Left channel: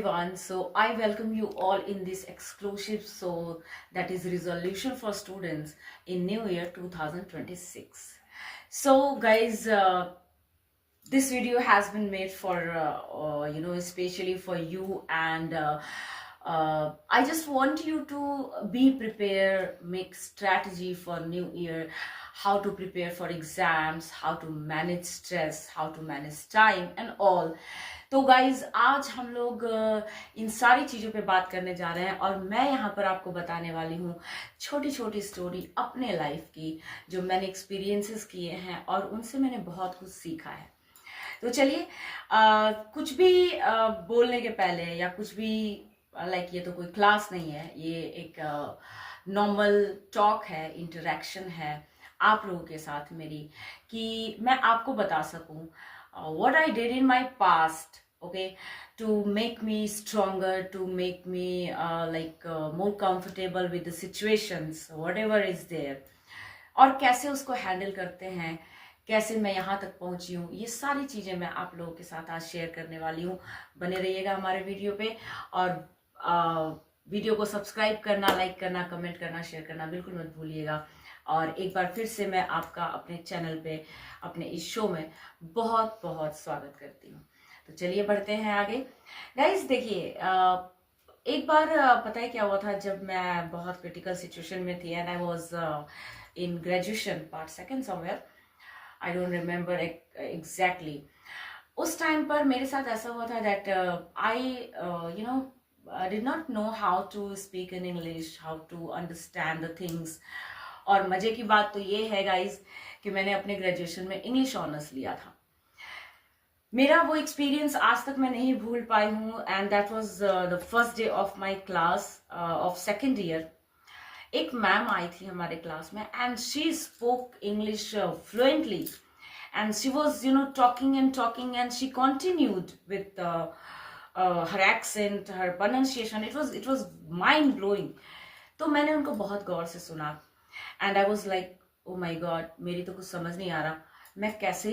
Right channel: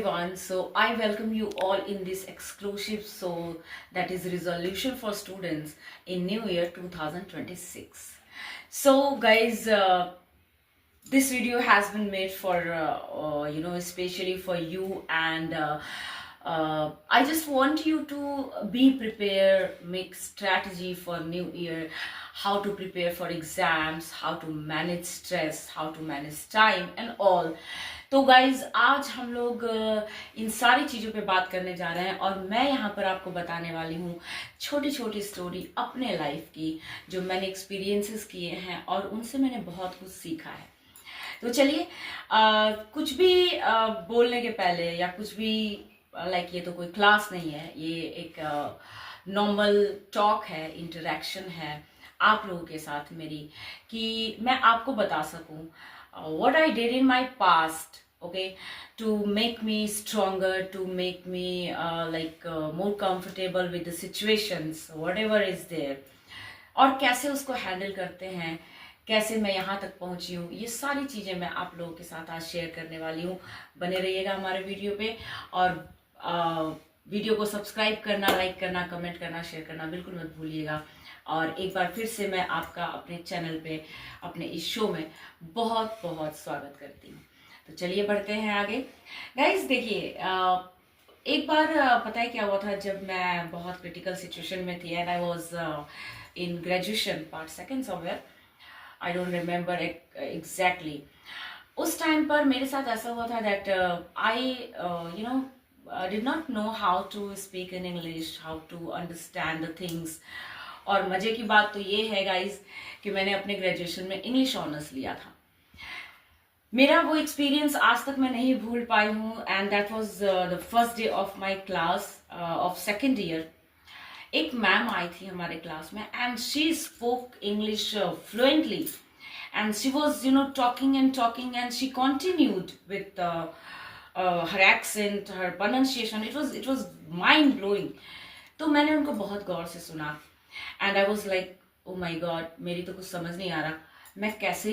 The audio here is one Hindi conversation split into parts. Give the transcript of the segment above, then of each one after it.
everyone. So I welcome you all in this exclusive show that is resolution for students in New Year 2026. So guys, this video has been made for especially for you, and I just want you to be prepared, make strategy for New Year, how to prepare for exams, how to manage stress, how to manage time and all. तो गाइज आज हम लोग इन सारी चीज़ों पे बात करने जा रहे हैं और मैं यहाँ पर आपको बताने वाली हूँ छोटी छोटी स्टोरी अपने लाइफ की जो मैंने एक्सपीरियंसेस किए हैं और उनसे मैंने बहुत कुछ सीखा है। तो चलिए कुछ भी बोलने के पहले या कुछ भी ये तो कोई क्लास नहीं है, ये एक नॉर्मल टॉक है, इंटरेक्शन है आप लोगों के साथ मेरी, कि मैं आपको बता सकूं what I did in my past, okay, to make me stronger, to make me more comfortable with the situations, whatever is there, और कैसे उसको हैंडल करते हैं, कैसे मैं यहाँ तक पहुँची हूँ, ये सारी चीज़ें मैं आप लोगों के साथ आज शेयर करने वाली हूँ। बने रहिएगा हमारे वीडियो पे और वीडियो को सब्सक्राइब करना, लाइक करना, कमेंट करना, शेयर करना बिल्कुल मत भूलिएगा। और एक बार फिर से मैं आपका अपने चैनल पे, अपने इस शो में बहुत बहुत स्वागत करती हूँ। तो चलिए बढ़ते हैं आगे। गाइज देखिए, एक बार पता है क्या हुआ था, जब मैं बहुत क्रिटिकल सिचुएशन में थी and I was in graduation part second somewhere, I don't remember exactly. उस टाइम पर मेरे साथ ऐसा हुआ था that I did not know how to speak in English, how to understand the things. और मजे की बात तो ये है गाइज कि मैंने अपने ग्रेजुएशन में इंग्लिश ऑनर्स लिया था। मेरा वो एक्सपीरियंस आज तक मैं नहीं भूल पाई हूँ and that was the first day of my class of second year. एक मैम आई थी हमारे क्लास में and she spoke English fluently and she was talking and she continued with her accent, her pronunciation. It was mind blowing. तो मैंने उनको बहुत गौर से सुना and I was like oh my God, मेरी तो कुछ समझ नहीं आ रहा, मैं कैसे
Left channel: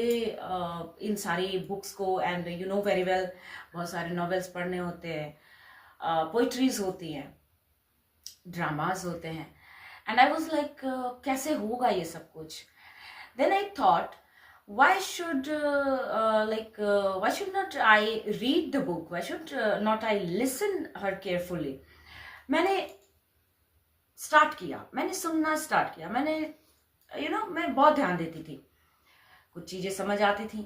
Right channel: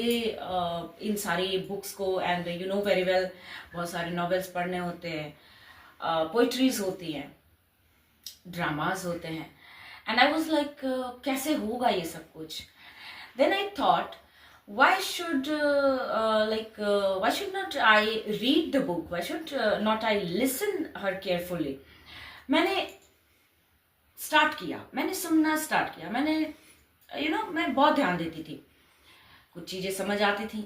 इन सारी बुक्स को, and you know very well बहुत सारे नॉवेल्स पढ़ने होते हैं, पोइट्रीज होती हैं, ड्रामाज होते हैं, एंड आई वॉज लाइक कैसे होगा ये सब कुछ। Then I thought why should not I read the book, why should not I listen her carefully। मैंने स्टार्ट किया, मैंने सुनना स्टार्ट किया, मैंने मैं बहुत ध्यान देती थी, कुछ चीज़ें समझ आती थी,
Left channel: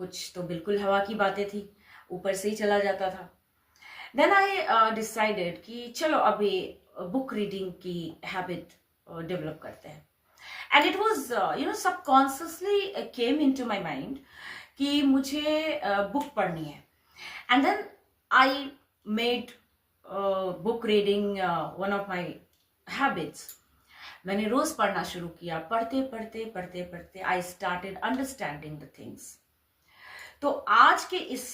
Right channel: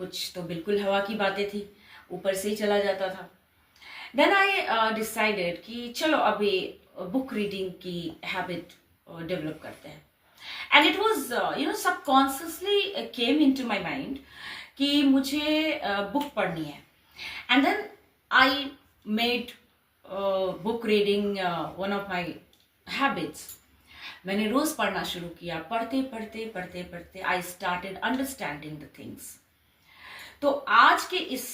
कुछ तो बिल्कुल हवा की बातें थी, ऊपर से ही चला जाता था। देन आई डिसाइडेड कि चलो अभी बुक रीडिंग की हैबिट डेवलप करते हैं। And it was subconsciously came into my mind कि मुझे बुक पढ़नी है। And then I made book reading one of my habits. मैंने रोज पढ़ना शुरू किया, पढ़ते पढ़ते पढ़ते पढ़ते I started understanding the things. तो आज के इस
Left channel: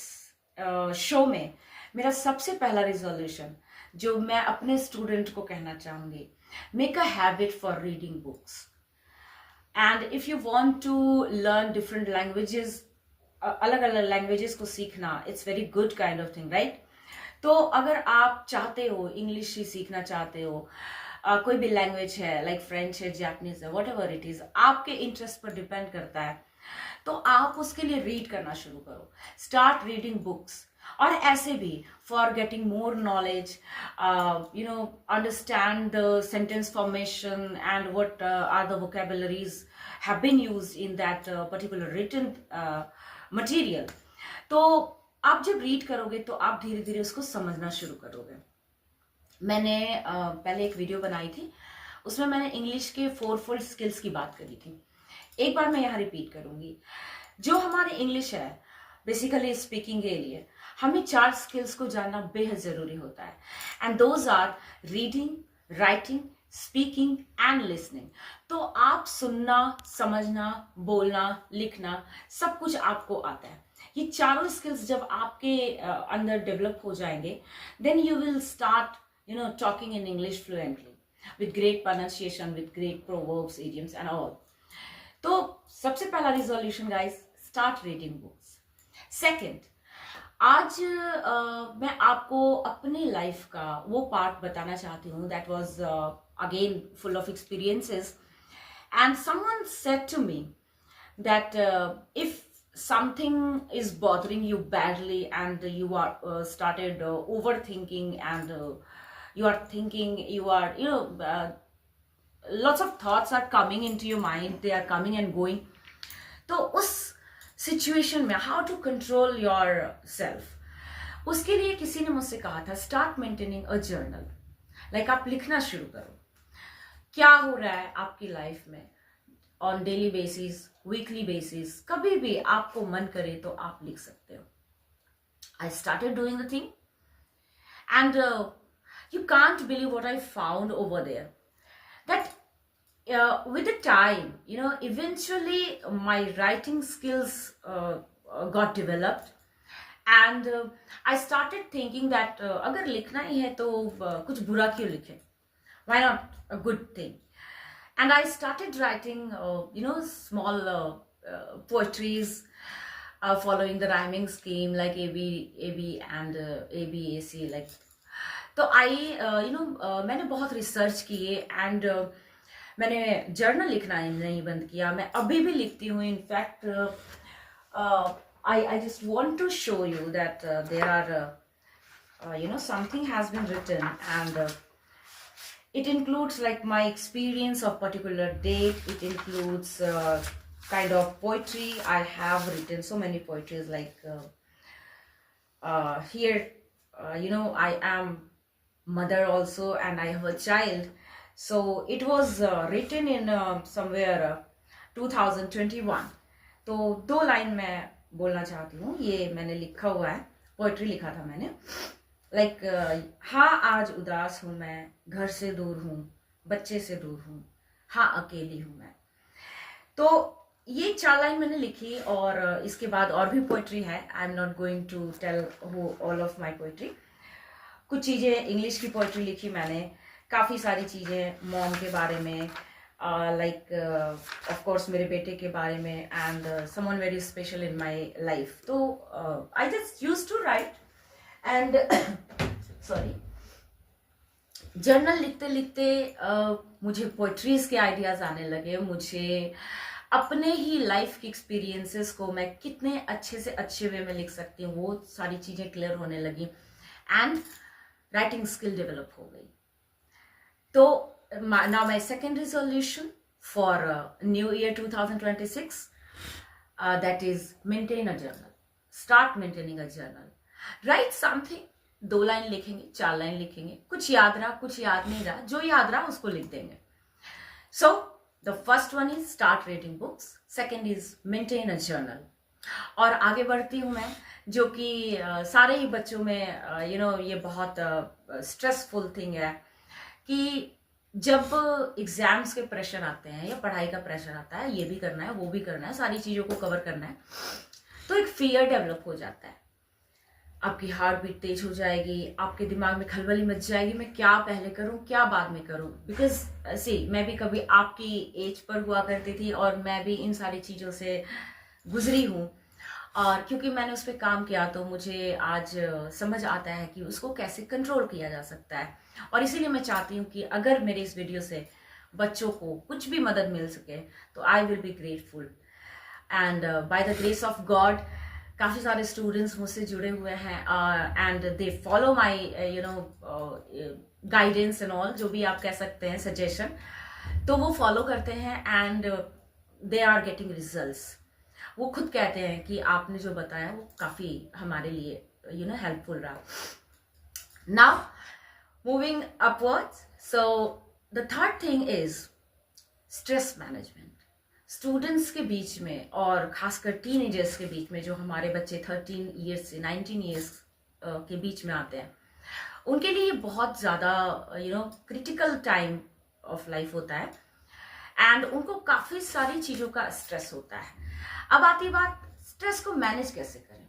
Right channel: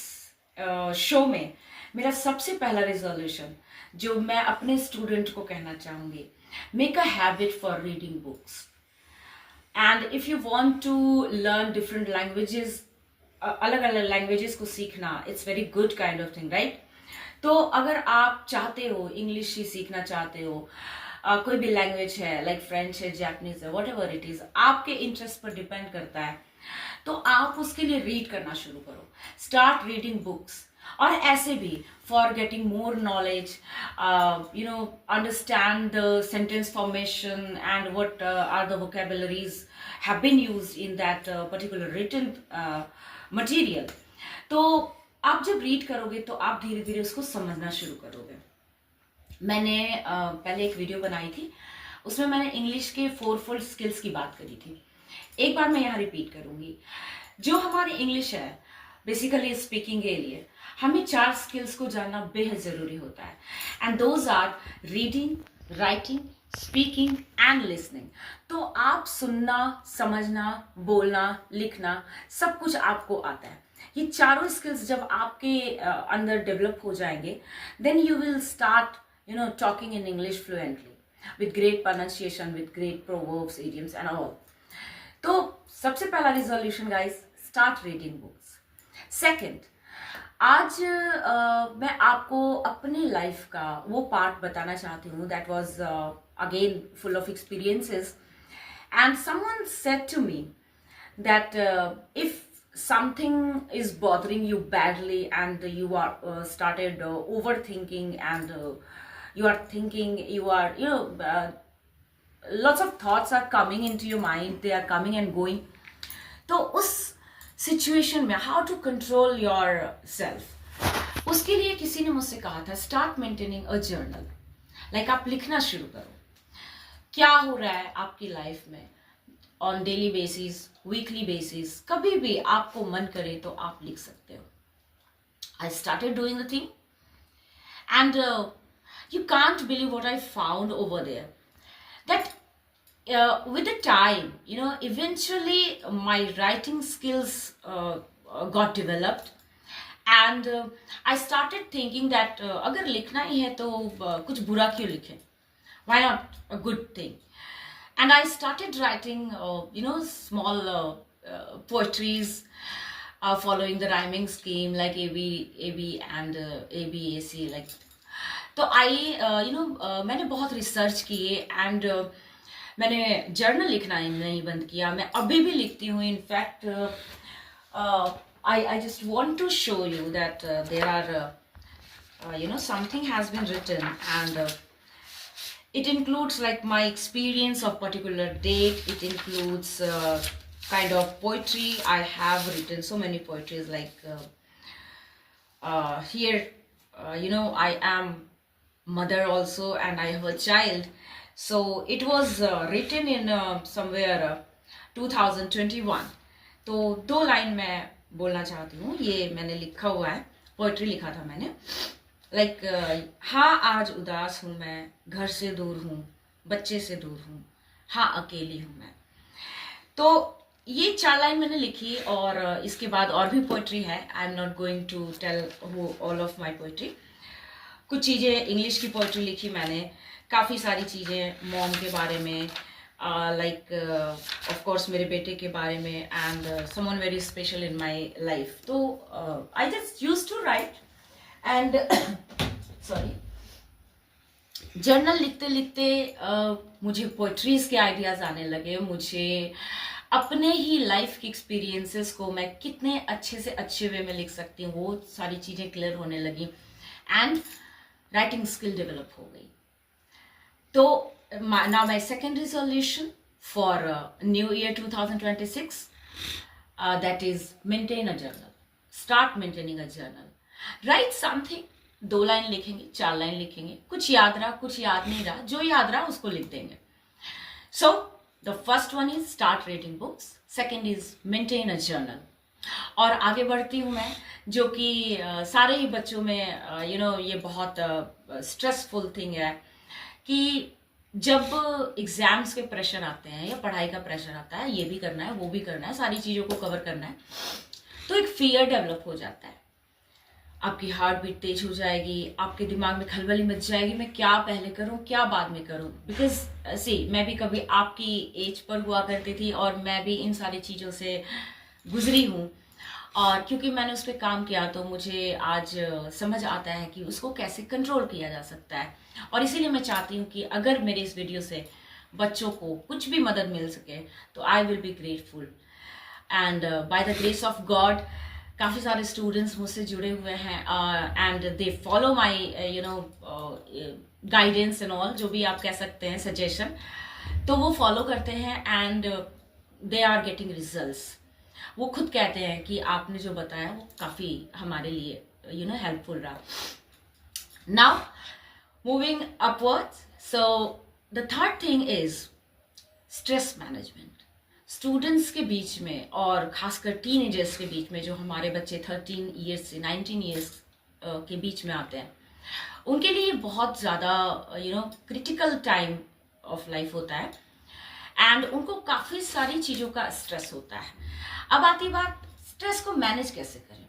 शो में मेरा सबसे पहला रिजोल्यूशन जो मैं अपने स्टूडेंट को कहना चाहूंगी, make a habit for reading books. And if you want to learn different languages, अलग अलग लैंग्वेजेस को सीखना, it's very good kind of thing, right. तो अगर आप चाहते हो इंग्लिश ही सीखना चाहते हो, कोई भी लैंग्वेज है, लाइक फ्रेंच है, जापानीज है, वॉट एवर इट इज, आपके इंटरेस्ट पर डिपेंड करता है, तो आप उसके लिए रीड करना शुरू करो, स्टार्ट रीडिंग बुक्स। और ऐसे भी for getting more knowledge, understand the sentence formation and what are the vocabularies have been used in that particular written material. तो आप जब रीड करोगे तो आप धीरे धीरे उसको समझना शुरू करोगे। मैंने पहले एक वीडियो बनाई थी, उसमें मैंने इंग्लिश के 4 स्किल्स की बात करी थी। एक बार मैं यहाँ रिपीट करूंगी। जो हमारी इंग्लिश है बेसिकली स्पीकिंग के लिए हमें 4 स्किल्स को जानना बेहद जरूरी होता है, and those are reading, writing, speaking and listening. तो आप सुनना, समझना, बोलना, लिखना सब कुछ आपको आता है। ये चारों स्किल्स जब आपके अंदर डेवलप हो जाएंगे, then you will start talking in English fluently with great pronunciation, with great proverbs, idioms and all. तो सबसे पहला resolution guys, start reading books. Second, आज मैं आपको अपनी लाइफ का वो पार्ट बताना चाहती हूँ that was again full of experiences and someone said to me that if something is bothering you badly and you are started overthinking and you are thinking you are lots of thoughts are coming into your mind, they are coming and going. तो उस सिचुएशन में how to control yourself, उसके लिए किसी ने मुझसे कहा था start maintaining a journal. Like आप लिखना शुरू करो क्या हो रहा है आपकी लाइफ में on daily basis, weekly basis, कभी भी आपको मन करे तो आप लिख सकते हो. I started doing the thing and you can't believe what I found over there. That with the time, eventually my writing skills got developed, and I started thinking that अगर लिखना ही है तो कुछ बुरा क्यों लिखें? Why not a good thing? And I started writing, small poetries, following the rhyming scheme like AB and ABAC like. तो मैंने बहुत रिसर्च किए एंड मैंने जर्नल लिखना नहीं बंद किया. मैं अभी भी लिखती हूँ. In fact I just want to show you that there are something has been written and it includes like my experience of particular date. It includes kind of poetry. I have written so many poetries like here I am mother also and I have a child, so it was written in somewhere 2021. तो 2 लाइन मैं बोलना चाहती हूँ. ये मैंने लिखा हुआ है, पोएट्री लिखा था मैंने. लाइक हाँ आज उदास हूँ मैं, घर से दूर हूँ, बच्चे से दूर हूँ, हाँ अकेली हूँ मैं. तो ये 4 लाइन मैंने लिखी और इसके बाद और भी पोइट्री है. I am not going to tell all of my poetry. कुछ चीज़ें इंग्लिश की पोइट्री लिखी मैंने, काफ़ी सारी चीज़ें मॉम के बारे में, लाइक ऑफ कोर्स मेरे बेटे के बारे में and someone very special in my life. तो I just use to write and sorry journal लिखते लिखते मुझे पोइट्रीज के आइडियाज आने लगे. मुझे अपने ही लाइफ के एक्सपीरियंसेस को मैं कितने अच्छे से अच्छे वे में लिख सकती हूँ वो सारी चीज़ें क्लियर होने लगी एंड राइटिंग स्किल डेवलप हो गई. तो now my second resolution for new year 2026 that is maintain a journal. Start maintaining a journal. Right something. 2 line लिखेंगे, 4 लाइन लिखेंगे, कुछ याद रहा कुछ याद नहीं रहा, जो याद रहा उसको लिख देंगे. So the first one is start reading books, second is maintain a journal. और आगे बढ़ती हूँ मैं, जो कि सारे ही बच्चों में ये बहुत स्ट्रेसफुल थिंग है कि जब एग्जाम्स के प्रेशर आते हैं या पढ़ाई का प्रेशर आता है, ये भी करना है वो भी करना है, सारी चीज़ों को कवर करना है, तो एक फियर डेवलप हो जाता है. आपकी हार्ट बीट तेज हो जाएगी, आपके दिमाग में खलबली मच जाएगी, मैं क्या पहले करूं क्या बाद में करूं. बिकॉज सी मैं भी कभी आपकी एज पर हुआ करती थी और मैं भी इन सारी चीज़ों से गुजरी हूं, और क्योंकि मैंने उस पर काम किया तो मुझे आज समझ आता है कि उसको कैसे कंट्रोल किया जा सकता है. और इसीलिए मैं चाहती हूँ कि अगर मेरे इस वीडियो से बच्चों को कुछ भी मदद मिल सके तो I will be grateful. And by the grace of God काफ़ी सारे स्टूडेंट्स मुझसे जुड़े हुए हैं and they follow my guidance and all, जो भी आप कह सकते हैं सजेशन, तो वो फॉलो करते हैं and they are getting results. वो खुद कहते हैं कि आपने जो बताया वो काफ़ी हमारे लिए हेल्पफुल रहा. Now moving upwards, so the third thing is stress management. Students के बीच में और खासकर टीनेजर्स के बीच में, जो हमारे बच्चे 13 ईयर्स से 19 ईयर्स के बीच में आते हैं, उनके लिए बहुत ज़्यादा क्रिटिकल टाइम ऑफ लाइफ होता है एंड उनको काफ़ी सारी चीज़ों का स्ट्रेस होता है. अब आती बात स्ट्रेस को मैनेज कैसे करें.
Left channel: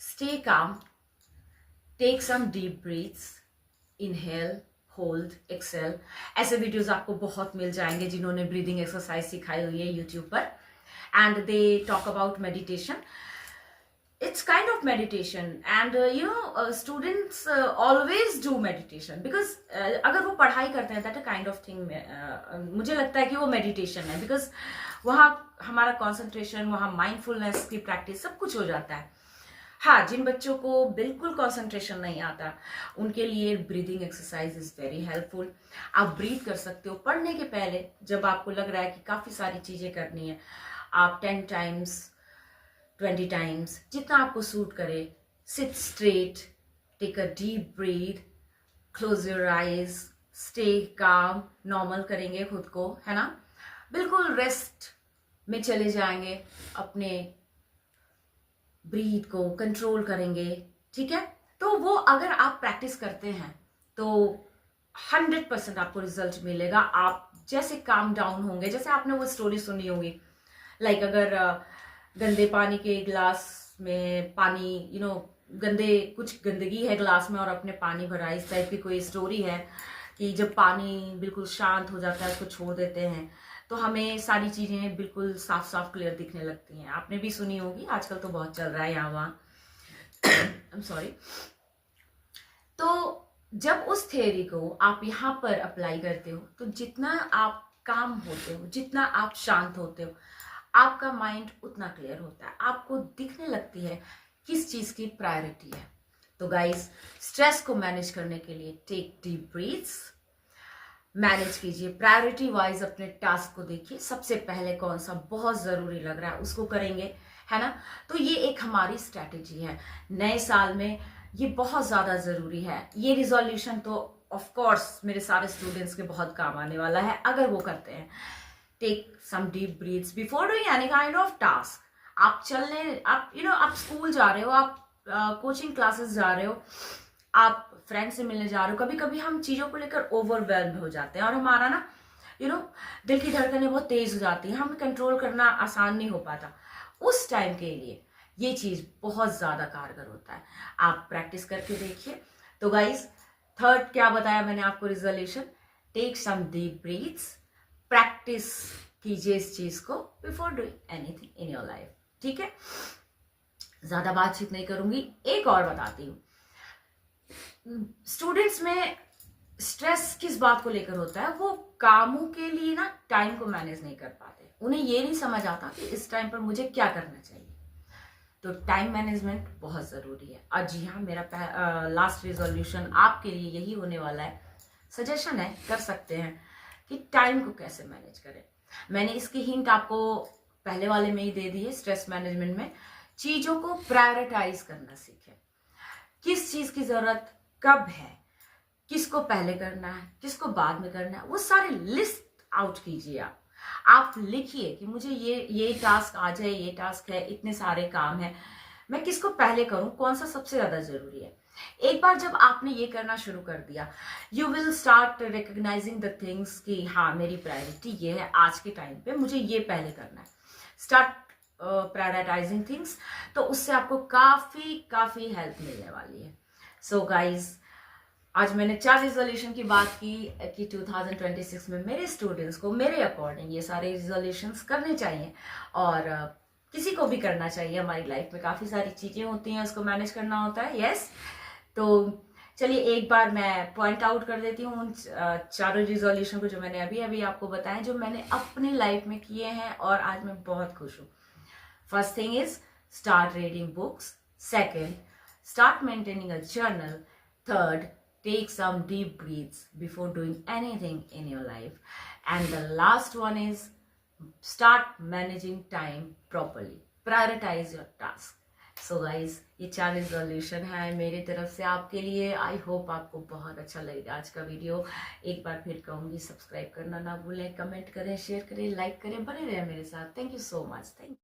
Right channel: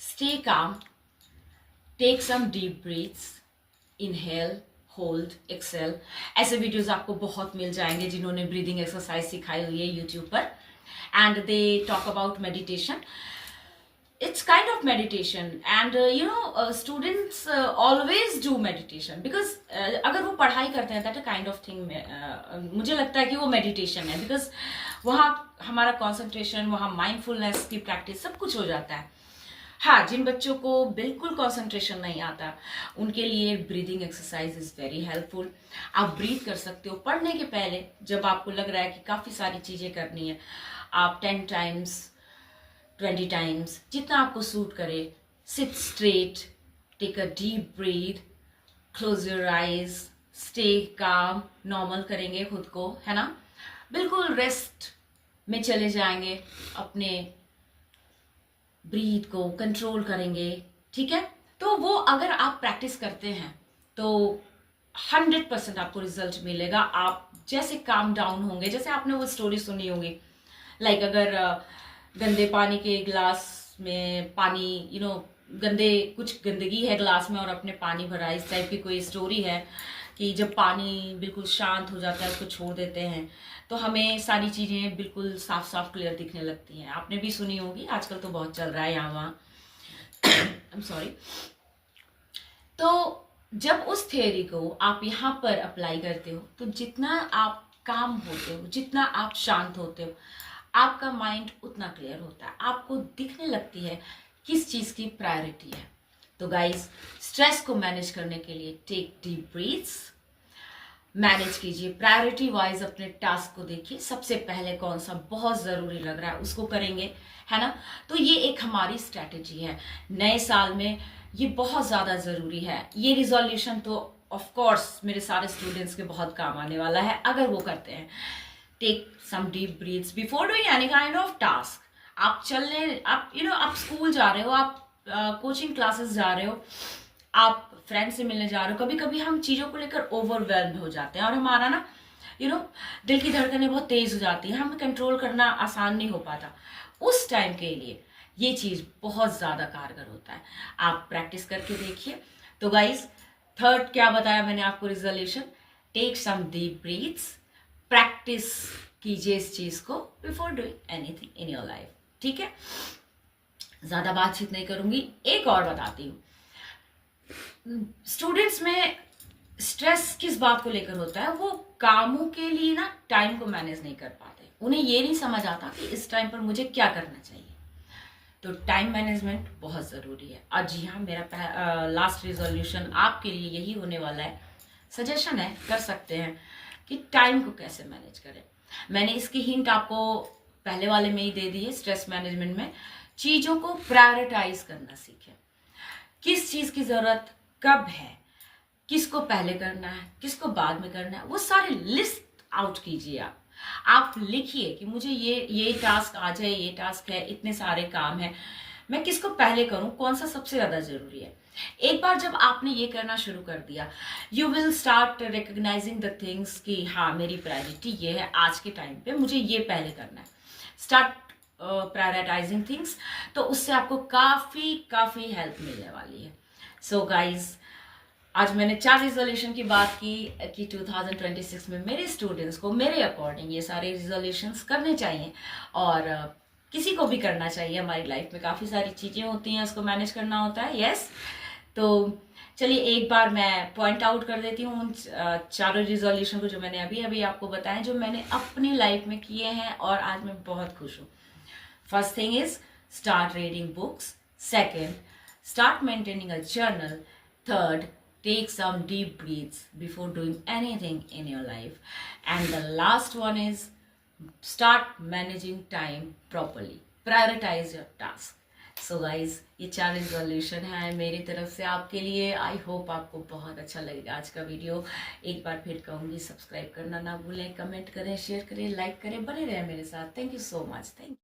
Stay calm, take some deep breaths, inhale, hold, exhale. ऐसे वीडियोस आपको बहुत मिल जाएंगे जिन्होंने ब्रीदिंग एक्सरसाइज सिखाई हुई है यूट्यूब पर, and they talk about meditation. it's kind of meditation and students always do meditation because अगर वो पढ़ाई करते हैं that a kind of thing मुझे लगता है कि वो meditation है because वहाँ हमारा concentration, वहाँ mindfulness की practice सब कुछ हो जाता है. हाँ, जिन बच्चों को बिल्कुल कंसंट्रेशन नहीं आता उनके लिए breathing exercise is very helpful. आप ब्रीथ कर सकते हो पढ़ने के पहले. जब आपको लग रहा है कि काफ़ी सारी चीज़ें करनी है, आप 10 टाइम्स 20 टाइम्स जितना आपको सूट करे, sit straight, take a deep breath, close your eyes, stay calm, normal करेंगे खुद को, है ना, बिल्कुल रेस्ट में चले जाएंगे, अपने ब्रीथ को कंट्रोल करेंगे. ठीक है, तो वो अगर आप प्रैक्टिस करते हैं तो 100% आपको रिजल्ट मिलेगा. आप जैसे काम डाउन होंगे, जैसे आपने वो स्टोरी सुनी होगी, लाइक अगर गंदे पानी के गिलास में पानी गंदे कुछ गंदगी है ग्लास में और अपने पानी भरा, इस टाइप की कोई स्टोरी है कि जब पानी बिल्कुल शांत हो जाता है उसको छोड़ देते हैं तो हमें सारी चीज़ें बिल्कुल साफ साफ क्लियर दिखने लगती हैं. आपने भी सुनी होगी, आजकल तो बहुत चल रहा है यहाँ वहाँ. I am sorry. तो जब उस थ्योरी को आप यहाँ पर अप्लाई करते हो तो जितना आप काम होते हो, जितना आप शांत होते हो, आपका माइंड उतना क्लियर होता है. आपको दिखने लगती है किस चीज़ की प्रायोरिटी है. तो गाइज, स्ट्रेस को मैनेज करने के लिए टेक डीप ब्रीथ्स, मैनेज कीजिए प्रायोरिटी वाइज अपने टास्क को. देखिए सबसे पहले कौन सा बहुत ज़रूरी लग रहा है उसको करेंगे, है ना. तो ये एक हमारी स्ट्रैटेजी है नए साल में, ये बहुत ज़्यादा ज़रूरी है. ये रिजोल्यूशन तो ऑफ कोर्स मेरे सारे स्टूडेंट्स के बहुत काम आने वाला है अगर वो करते हैं. Take some deep breaths before doing any kind of task. आप चलने, आप स्कूल जा रहे हो, आप कोचिंग क्लासेस जा रहे हो, आप फ्रेंड से मिलने जा रहे हो. कभी कभी हम चीज़ों को लेकर ओवरवेल्म हो जाते हैं और हमारा ना दिल की धड़कनें बहुत तेज हो जाती हैं, हमें कंट्रोल करना आसान नहीं हो पाता. उस टाइम के लिए ये चीज़ बहुत ज़्यादा कारगर होता है. आप प्रैक्टिस करके देखिए. तो गाइज, थर्ड क्या बताया मैंने आपको resolution, take some deep breaths, practice कीजिए इस चीज़ को before doing anything in your life. ठीक है, ज़्यादा बातचीत नहीं करूंगी, एक और बताती हूँ. स्टूडेंट्स में स्ट्रेस किस बात को लेकर होता है, वो कामों के लिए ना टाइम को मैनेज नहीं कर पाते. उन्हें ये नहीं समझ आता कि इस टाइम पर मुझे क्या करना चाहिए. तो टाइम मैनेजमेंट बहुत ज़रूरी है. और जी हाँ, मेरा लास्ट रिजोल्यूशन आपके लिए यही होने वाला है. सजेशन है, कर सकते हैं कि टाइम को कैसे मैनेज करें. मैंने इसकी हिंट आपको पहले वाले में ही दे दी है. स्ट्रेस मैनेजमेंट में चीज़ों को प्रायोरिटाइज करना सीखें. किस चीज़ की ज़रूरत कब है, किसको पहले करना है, किसको बाद में करना है, वो सारे लिस्ट आउट कीजिए. आप लिखिए कि मुझे ये टास्क आ जाए, ये टास्क है, इतने सारे काम हैं, मैं किसको पहले करूं, कौन सा सबसे ज़्यादा ज़रूरी है. एक बार जब आपने ये करना शुरू कर दिया, you will start recognising the things कि हाँ मेरी प्रायोरिटी ये है, आज के टाइम पे मुझे ये पहले करना है. Start prioritising things. तो उससे आपको काफ़ी हेल्प मिलने वाली है. सो गाइज, आज मैंने 4 रिजोल्यूशन की बात की कि 2026 में मेरे स्टूडेंट्स को मेरे अकॉर्डिंग ये सारे रिजोल्यूशंस करने चाहिए और किसी को भी करना चाहिए. हमारी लाइफ में काफ़ी सारी चीज़ें होती हैं, उसको मैनेज करना होता है. यस, तो चलिए एक बार मैं पॉइंट आउट कर देती हूँ उन 4 रिजोल्यूशन को जो मैंने अभी आपको बताया, जो मैंने अपनी लाइफ में किए हैं और आज मैं बहुत खुश हूँ. First thing is start reading books. Second, start maintaining a journal. Third, take some deep breaths before doing anything in your life. And the last one is start managing time properly. Prioritize your task. So guys, ये 4 रिजोल्यूशन है मेरी तरफ से आपके लिए. आई होप आपको बहुत अच्छा लगेगा आज का वीडियो. एक बार फिर कहूँगी, सब्सक्राइब करना ना भूलें, कमेंट करें, शेयर करें, लाइक करें, बने रहें मेरे साथ. Thank you so much. Thank you.